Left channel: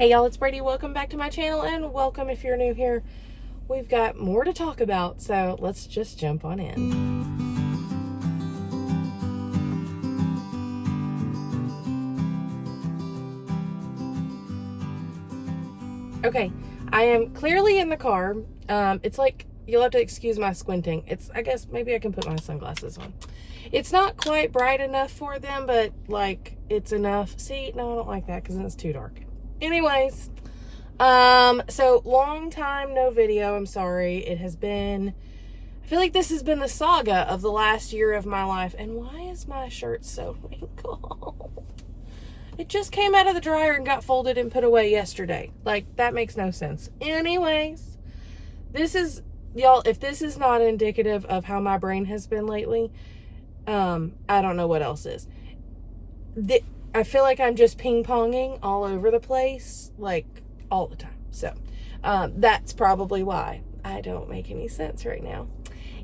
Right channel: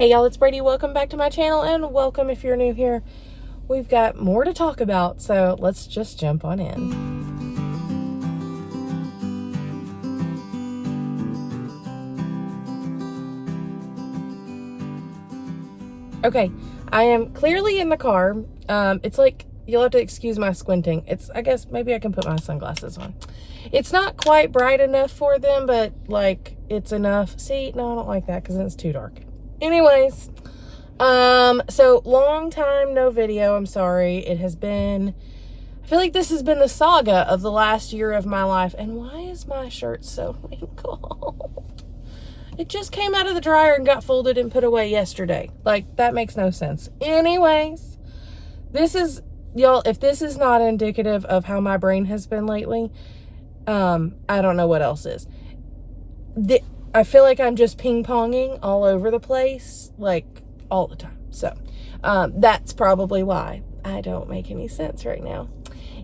Hey y'all, it's Brady. Welcome back to my channel, and welcome if you're new here. We've got more to talk about, so let's just jump on in. Okay, I am clearly in the car. It's like, you'll have to excuse my squinting. I guess maybe I can put my sunglasses on. It's not quite bright enough for them, but like it's enough. See, no, I don't like that because then it's too dark. Anyways, so long time no video. I'm sorry. It has been, I feel like this has been the saga of the last year of my life. And why is my shirt so wrinkled? It just came out of the dryer and got folded and put away yesterday. Like, that makes no sense. Anyways, this is, y'all, if this is not indicative of how my brain has been lately, I don't know what else is. I feel like I'm just ping-ponging all over the place, like, all the time. So, that's probably why I don't make any sense right now.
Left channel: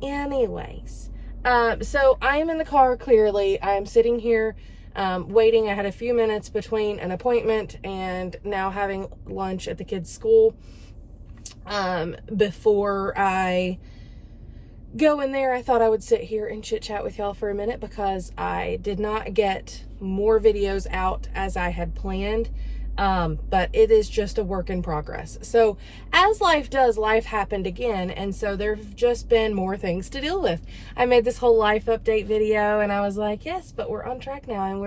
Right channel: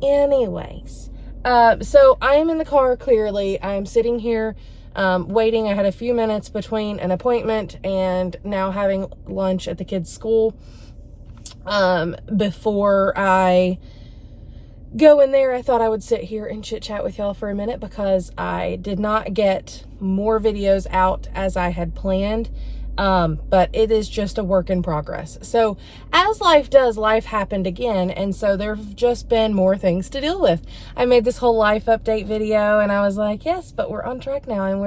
Anyways, so I am in the car, clearly. I am sitting here waiting. I had a few minutes between an appointment and now having lunch at the kids' school before I go in there. I thought I would sit here and chit chat with y'all for a minute because I did not get more videos out as I had planned, but it is just a work in progress. So as life does, life happened again, and so there have just been more things to deal with. I made this whole life update video and I was like, yes, but we're on track now, and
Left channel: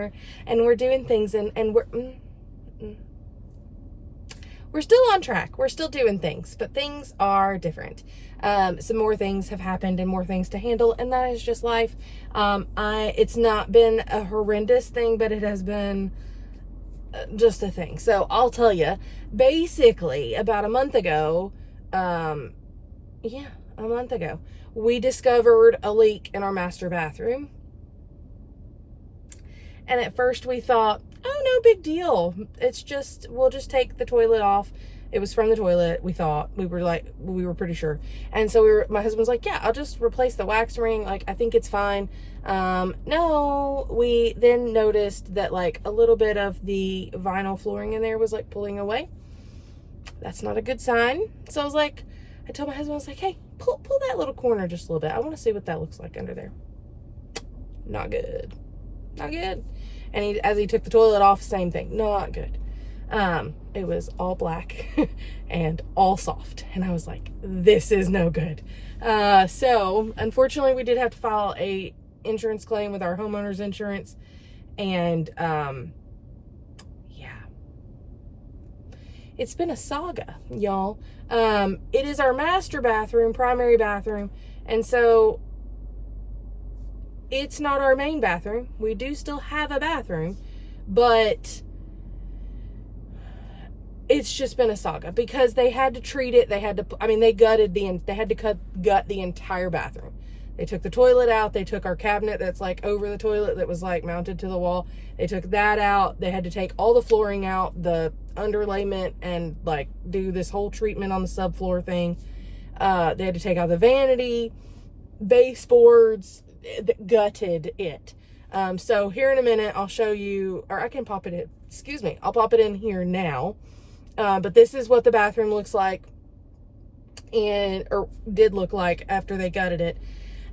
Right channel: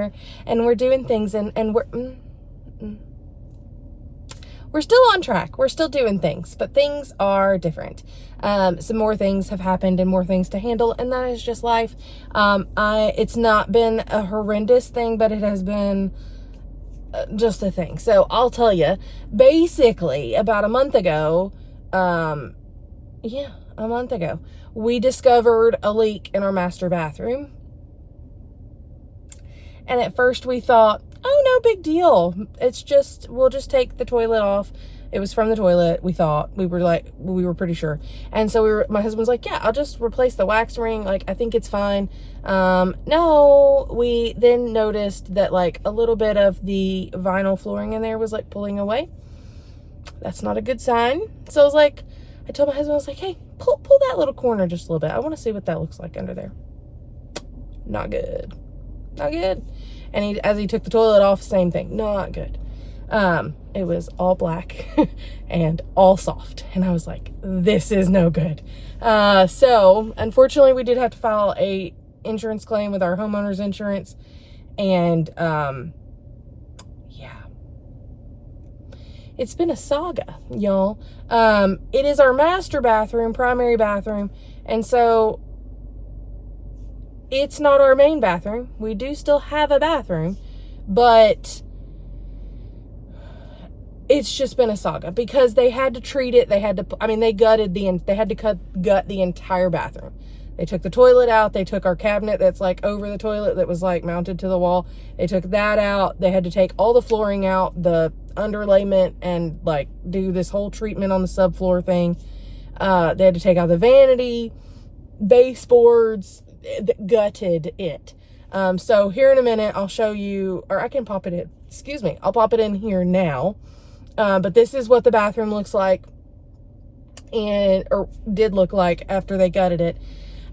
we're doing things, and we're still on track. We're still doing things, but things are different. Some more things have happened and more things to handle, and that is just life. It's not been a horrendous thing, but it has been just a thing. So I'll tell you, basically about a month ago, we discovered a leak in our master bathroom. And at first we thought, oh, no big deal. It's just, we'll just take the toilet off. It was from the toilet, we thought. We were pretty sure. And so my husband's like, yeah, I'll just replace the wax ring. Like, I think it's fine. No, we then noticed that like a little bit of the vinyl flooring in there was like pulling away. That's not a good sign. So I told my husband, I was like, hey, pull that little corner just a little bit. I want to see what that looks like under there. Not good. Not good. And as he took the toilet off, same thing. Not good. It was all black and all soft. And I was like, this is no good. So unfortunately we did have to file a insurance claim with our homeowner's insurance. And, yeah, it's been a saga, y'all. It is our master bathroom, primary bathroom. And so it's not our main bathroom. We do still have a bathroom, but it's just been a saga because they had to treat it. They had to gut the entire bathroom. They took the toilet out. They took our cabinet that's like over the toilet that was like mounted to the wall. They took that out. They had to take all the flooring out, the underlayment, and like do this whole treatment on the subfloor thing. They had to take out the vanity, baseboards, gutted it. So here in a minute, I'll show you, or I can pop it in. Excuse me. I'll pop it in here now. But this is what the bathroom looks like or did look like after they gutted it.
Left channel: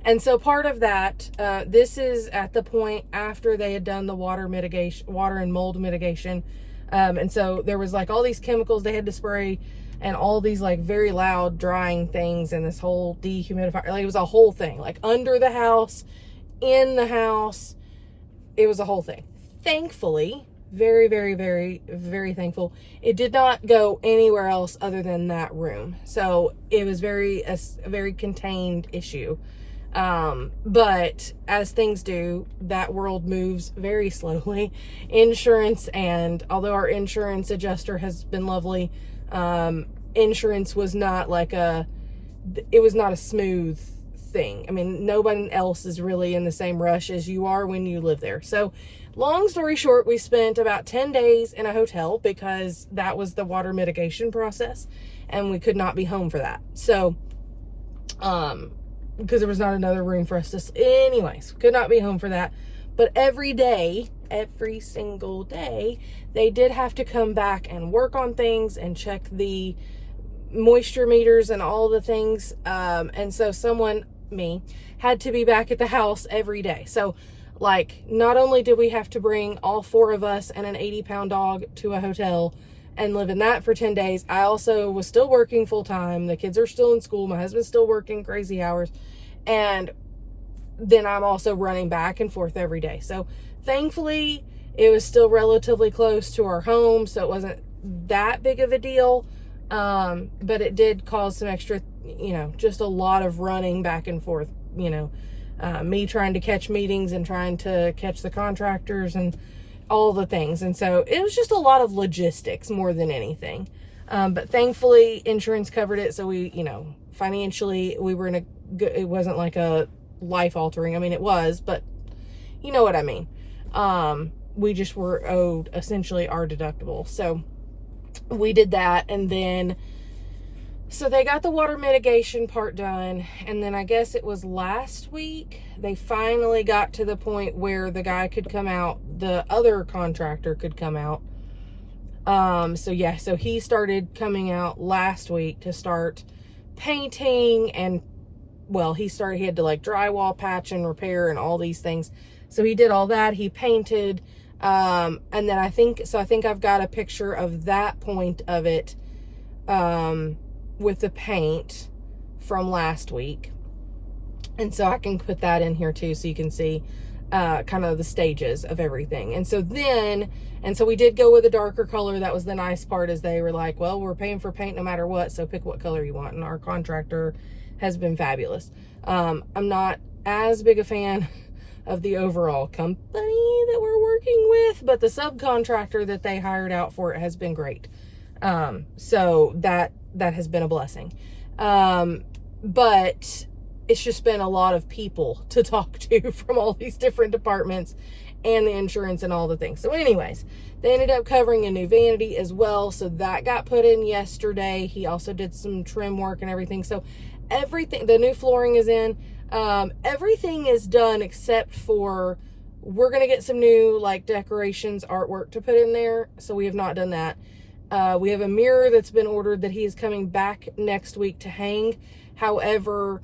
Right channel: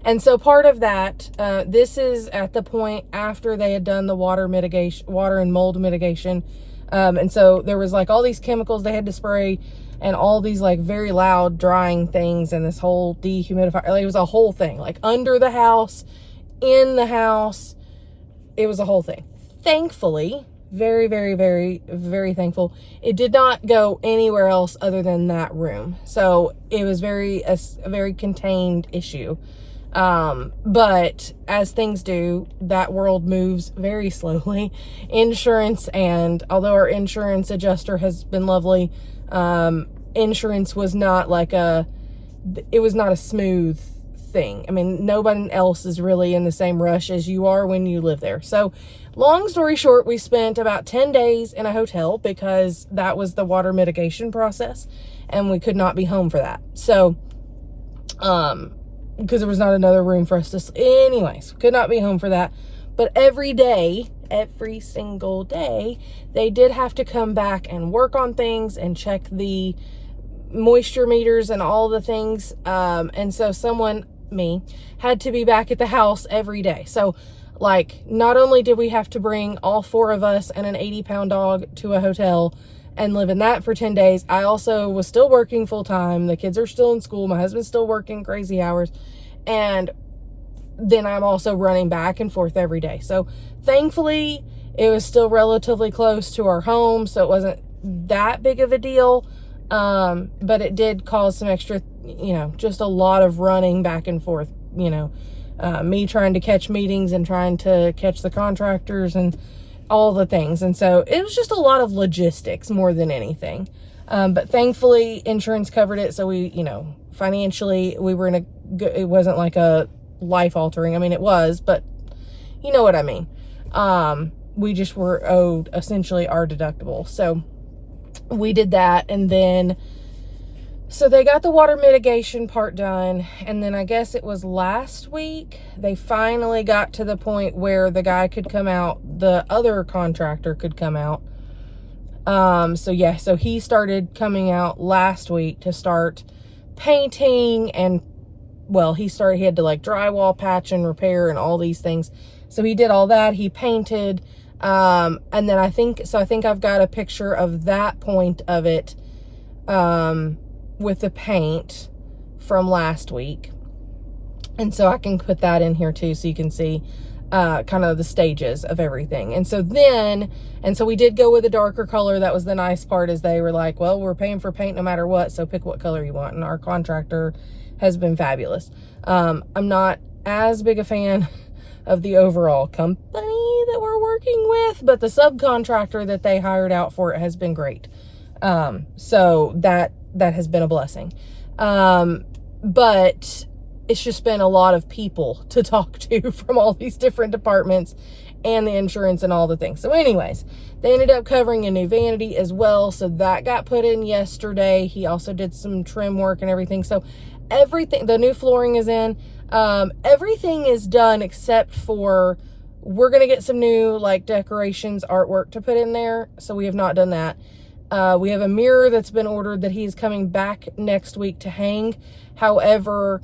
And so part of that, this is at the point after they had done the water and mold mitigation. And so there was like all these chemicals they had to spray and all these like very loud drying things and this whole dehumidifier. Like, it was a whole thing, like under the house, in the house. It was a whole thing. Thankfully, very, very, very, very thankful, it did not go anywhere else other than that room. So it was a very contained issue. But as things do, that world moves very slowly. Insurance, and although our insurance adjuster has been lovely, insurance was not it was not a smooth thing. I mean, nobody else is really in the same rush as you are when you live there. So long story short, we spent about 10 days in a hotel because that was the water mitigation process and we could not be home for that. So, because there was not another room for us to, anyways, could not be home for that. But every day every single day, they did have to come back and work on things and check the moisture meters and all the things. And so me, had to be back at the house every day. So like, not only did we have to bring all 4 of us and an 80-pound dog to a hotel and live in that for 10 days, I also was still working full time. The kids are still in school. My husband's still working crazy hours. And then I'm also running back and forth every day. So thankfully, it was still relatively close to our home, so it wasn't that big of a deal. But it did cause some extra, just a lot of running back and forth, me trying to catch meetings and trying to catch the contractors and all the things. And so it was just a lot of logistics more than anything. But thankfully insurance covered it. So we, financially we were in a good, it wasn't like a life altering. I mean, it was, but you know what I mean? We just were owed essentially our deductible. So we did that. And then, so they got the water mitigation part done. And then I guess it was last week, they finally got to the point where the guy could come out, the other contractor could come out. So he started coming out last week to start painting and, he had to like drywall patch and repair and all these things. So he did all that. He painted. And then I think I've got a picture of that point of it, with the paint from last week. And so I can put that in here too, so you can see, kind of the stages of everything. And so we did go with a darker color. That was the nice part, is they were like, well, we're paying for paint no matter what, so pick what color you want. And our contractor has been fabulous. I'm not as big a fan of the overall company that we're working with, but the subcontractor that they hired out for it has been great. So that has been a blessing. But it's just been a lot of people to talk to from all these different departments and the insurance and all the things. So anyways, they ended up covering a new vanity as well. So that got put in yesterday. He also did some trim work and everything. So everything, the new flooring is in. Everything is done except for, we're going to get some new like decorations, artwork to put in there. So we have not done that. We have a mirror that's been ordered that he's coming back next week to hang. However,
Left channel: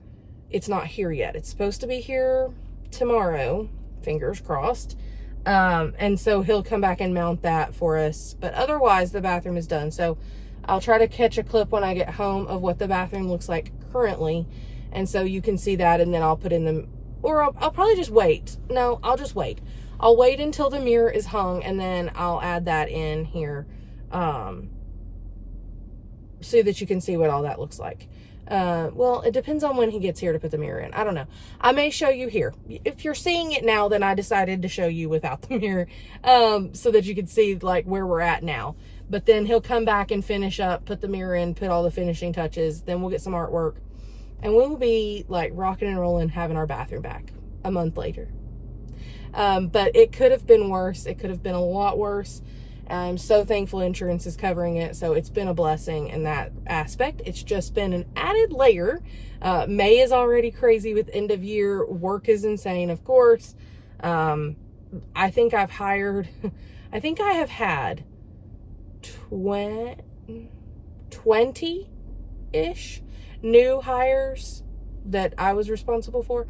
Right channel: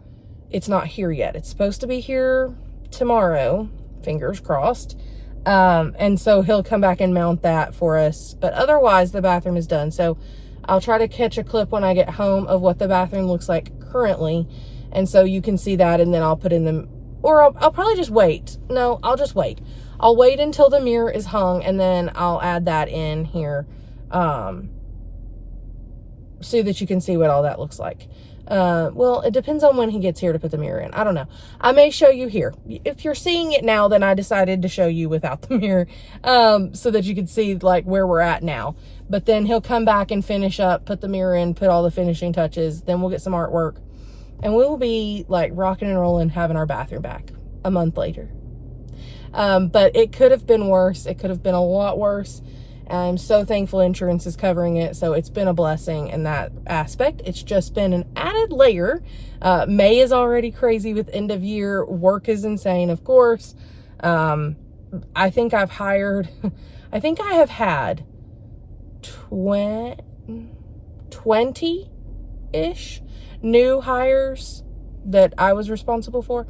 it's not here yet. It's supposed to be here tomorrow, fingers crossed. And so he'll come back and mount that for us. But otherwise, the bathroom is done. So I'll try to catch a clip when I get home of what the bathroom looks like currently. And so you can see that, and then I'll put in the, or I'll probably just wait. No, I'll just wait. I'll wait until the mirror is hung, and then I'll add that in here, so that you can see what all that looks like. Well, it depends on when he gets here to put the mirror in. I don't know. I may show you here. If you're seeing it now, then I decided to show you without the mirror, so that you can see like where we're at now. But then he'll come back and finish up, put the mirror in, put all the finishing touches. Then we'll get some artwork, and we will be like rocking and rolling, having our bathroom back a month later. But it could have been worse. It could have been a lot worse. I'm so thankful insurance is covering it. So it's been a blessing in that aspect. It's just been an added layer. May is already crazy with end of year. Work is insane, of course. I think I have had 20-ish new hires that I was responsible for,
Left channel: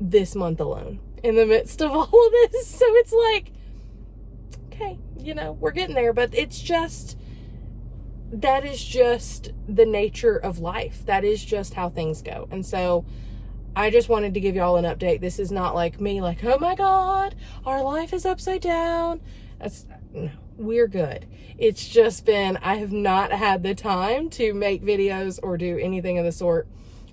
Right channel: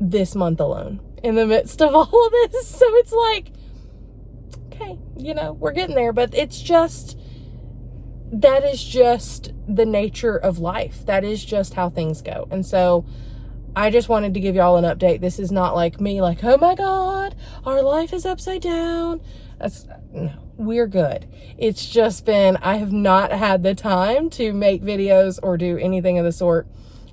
this month alone, in the midst of all of this. So it's like, okay, we're getting there, but that is just the nature of life. That is just how things go. And so I just wanted to give y'all an update. This is not like me, like, oh my God, our life is upside down. No, we're good. It's just been, I have not had the time to make videos or do anything of the sort.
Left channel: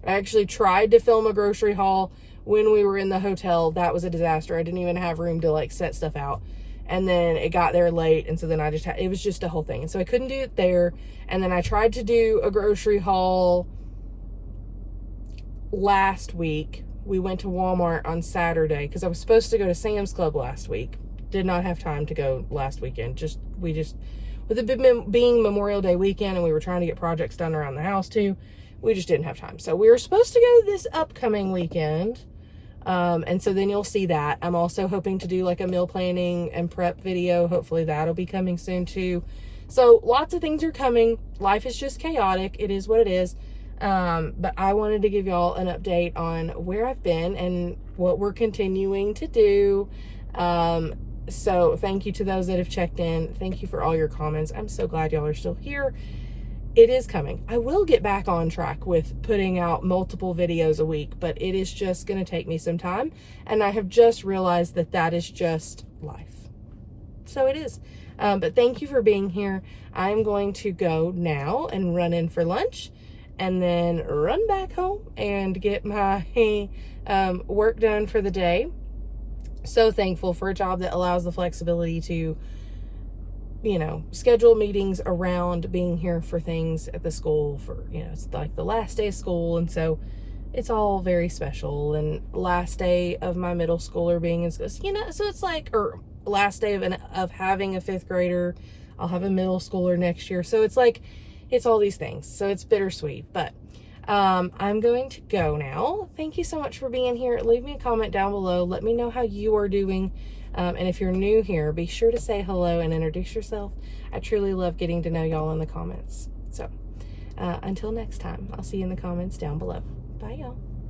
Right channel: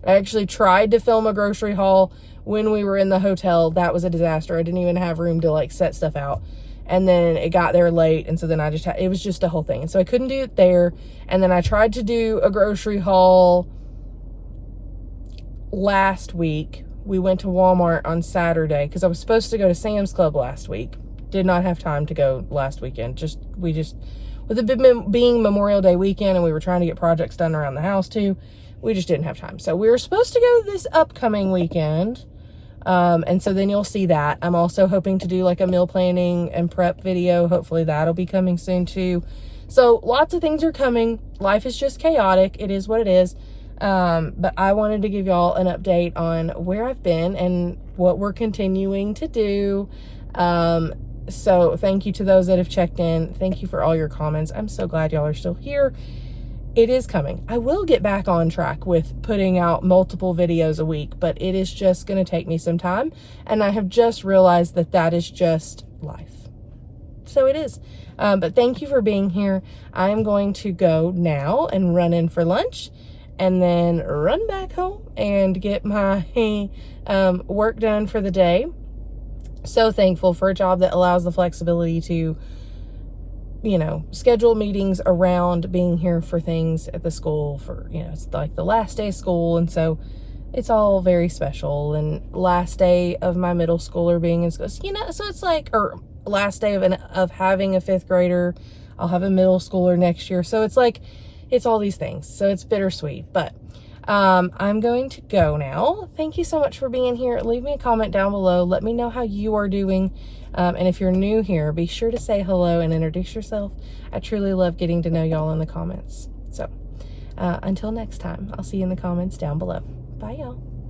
I actually tried to film a grocery haul when we were in the hotel. That was a disaster. I didn't even have room to like set stuff out. And then it got there late. And so then it was just a whole thing. And so I couldn't do it there. And then I tried to do a grocery haul last week. We went to Walmart on Saturday because I was supposed to go to Sam's Club last week. Did not have time to go last weekend. With it being Memorial Day weekend, and we were trying to get projects done around the house too, we just didn't have time. So we were supposed to go this upcoming weekend. And so then you'll see that. I'm also hoping to do like a meal planning and prep video. Hopefully that'll be coming soon too. So lots of things are coming. Life is just chaotic. It is what it is. But I wanted to give y'all an update on where I've been and what we're continuing to do. So thank you to those that have checked in. Thank you for all your comments. I'm so glad y'all are still here. It is coming. I will get back on track with putting out multiple videos a week, but it is just going to take me some time. And I have just realized that that is just life. So it is. But thank you for being here. I'm going to go now and run in for lunch and then run back home and get my work done for the day. So thankful for a job that allows the flexibility to, you know, schedule meetings around being here for things at the school for, you know, it's like the last day of school. And so it's all very special. And last day of my middle schooler being in school, you know, so it's like, or last day of having a 5th grader. I'll have a middle schooler next year. So it's like, it's all these things. So it's bittersweet, but I'm going to go now. Thank you so much for being here. Leave me a comment down below. Let me know how you are doing. And if you're new here, be sure to say hello and introduce yourself. I truly love getting to know y'all in the comments. So until next time, I'll see you in the comments down below. Bye, y'all.